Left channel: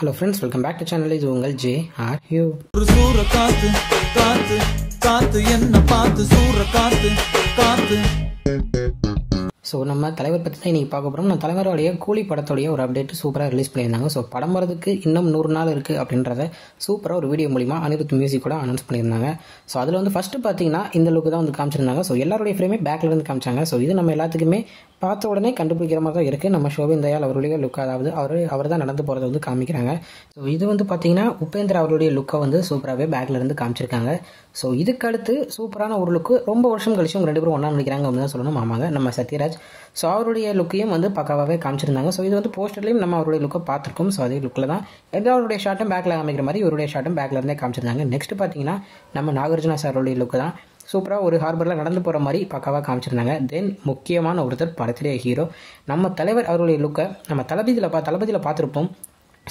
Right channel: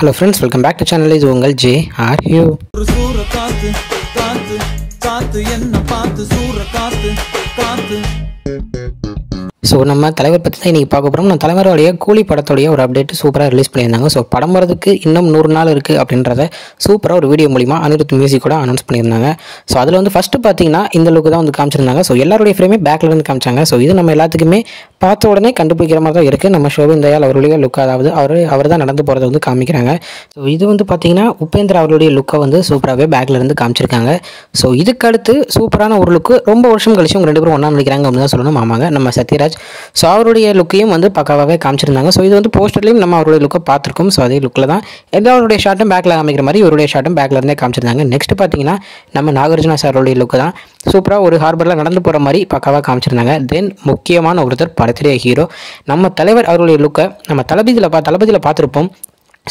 Hello friends, welcome back to channel. This is Ungal J. Are you? சூற காத்து காத்து காத்து என்ன பார்த்து சூற காத்து காத்து. ஸோ நம்ம தலைவர் பற்றி தான் இன்றைக்கி பார்க்க போகிறோம். நம்ம தலைவருடைய கூலி படத்துடைய ஒரு அப்டேட் சூப்பராக ரிலீஸ் பண்ணியிருந்தாங்க. ஸோ படம் வரதுக்கு இன்னும் 100 நாள் இருக்குது அப்படின்றத சூப்பராக ஒரு வீடியோ மூலிமா அனிருத் மியூசிக்கோட அனௌன்ஸ் பண்ணியிருந்தாங்க. ஸோ அதில் வந்து ஃபஸ்ட்டு பார்த்தீங்கன்னா இந்த லுக்கு தான் வந்து காமிச்சிருந்தாங்க. ஸோ எல்லாருடைய ஃப்ரேமே பேக்கில் இருந்து காமிச்சாங்க. ஸோ இது நம்ம எல்லாத்துக்குமே பார்த்த உடனே கண்டுபிடிக்கிற மாதிரி தான் இருக்குது. நம்ம ஷோபின் தயாள் அவருடைய லுக், அதாவது அவர் தான் நடந்து போகிறத வந்து காமிக்கிறாங்க. ஸோ இது வந்து பார்த்தீங்கன்னா உபேந்திரா அவருடைய லுக்கை வந்து சூப்பராகவே பேக்கில் இருந்து காமிச்சிருக்காங்க. ஸோ இதுக்கு அடுத்து சூப்பரான ஒரு லுக்கு ரொம்ப வருஷம் கழிச்சு அவங்க 2 பேரும் ஒன்றா நடிக்கிறாங்க அப்படின்னு தான் சொல்லணும். ஆமாங்க, நம்ம சத்யராஜ். ஸோ அவருடைய லுக்கையும் வந்து பக்காவாகவே காமிச்சிருந்தாங்க. ஸோ இது வந்து போஸ்டர்லையும் நம்ம அவருடைய லுக்கை பார்த்துருக்கோம். ஸோ அதே லுக்கில் தான் எல்லாருடைய ஷார்ட்டும் பேக்கில் காமிக்கிற மாதிரி இவருடைய ஷார்ட்டும் பேக்கில் இருந்தே காமிச்சிருந்தாங்க. நெக்ஸ்ட் பார்த்தீங்கன்னா நம்ம நாகார்ஜுனா சாரோடைய லுக்கு தான் சூப்பராக ஒரு ஹார்பரில் நடந்து போகிற மாதிரி பக்காவாக காமிச்சிருந்தாங்க. தென் முக்கியமான ஒருத்தர் படத்திலே ஹீரோ நம்ம தலைவர் அவருடைய லுக்கை நம்ம தளபதியில் பார்த்துருப்போம்.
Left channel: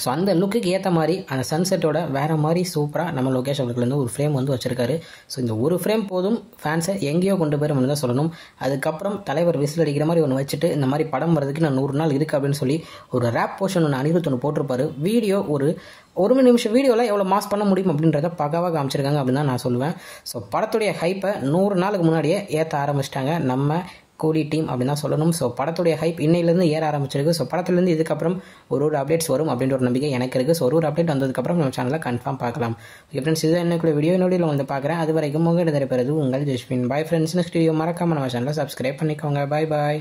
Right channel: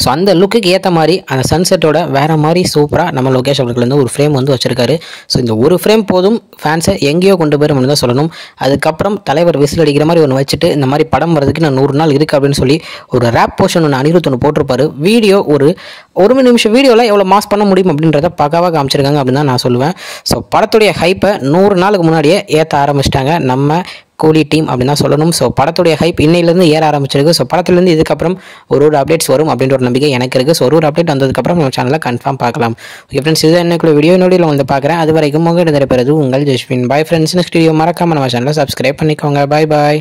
ஸோ அந்த லுக்குக்கு ஏற்ற மாதிரி அந்த சன்செட்டோட வேறு மாதிரி சூப்பராக நம்ம லோகேஷ் அவர்கள் வந்து ஒரு ஃப்ரேம் வந்து வச்சுருக்காரு. ஸோ இந்த ஒரு ஃப்ரேம் போதும் ஃபேன்ஸை எங்கேயோ கொண்டு போயிடும் தான் சொல்லணும். அதுக்கப்புறம் தலைவர் விசில் அடிக்கிற மாதிரி ஒன்று வச்சுட்டு இந்த மாதிரி படம் வரதுக்கு நான் 100 நாள் இருக்குது அப்படின்னு சொல்லி ஒரு ரேப் போர்ஷன் ஒன்று அனிருத் ஒன்று போட்டிருப்பாரு. வீடியோ ஒரு நிமிஷம் வீடியோவில் எவ்வளோ மாஸ் பண்ண முடியும் அப்படின்றத பக்காவாக காமிச்சிருக்காங்க அப்படின்னு தான் நான் சொல்லுவேன். ஸோ படத்துடைய ஹைப்பை 100 நாளுக்கு முன்னாடியே ஏற்ற ஆரம்பிச்சிட்டாங்க நம்ம கூலி டீம் அப்படின்னு தான் சொல்லணும். ஸோ படத்துடைய ஹைப் இன்னையிலேருந்து ஏற ஆரம்பிச்சிருக்கு. ஸோ படத்துலேருந்து இதுக்கப்புறம் ஒரு அப்டேட்ஸ் வரும் அப்படின்ற ஒரு நம்பிக்கை எனக்கு இருக்குது. ஸோ ஒரு அப்டேட் வந்ததுக்கப்புறம் நம்ம சேனலில் கன்ஃபார்ம் பார்க்கலாம். ஓகே ஃப்ரெண்ட்ஸ், இதுதான் என்னக்குள்ள வீடியோ வந்து பார்க்குறேன். அது வரைக்கும் உங்கள் இருப்பது உங்கள் Jaswin. Bye friends. Next video மறக்காமல் நம்ம சேனலை சப்ஸ்கிரைப் பண்ணிக்கோங்க. பாய்.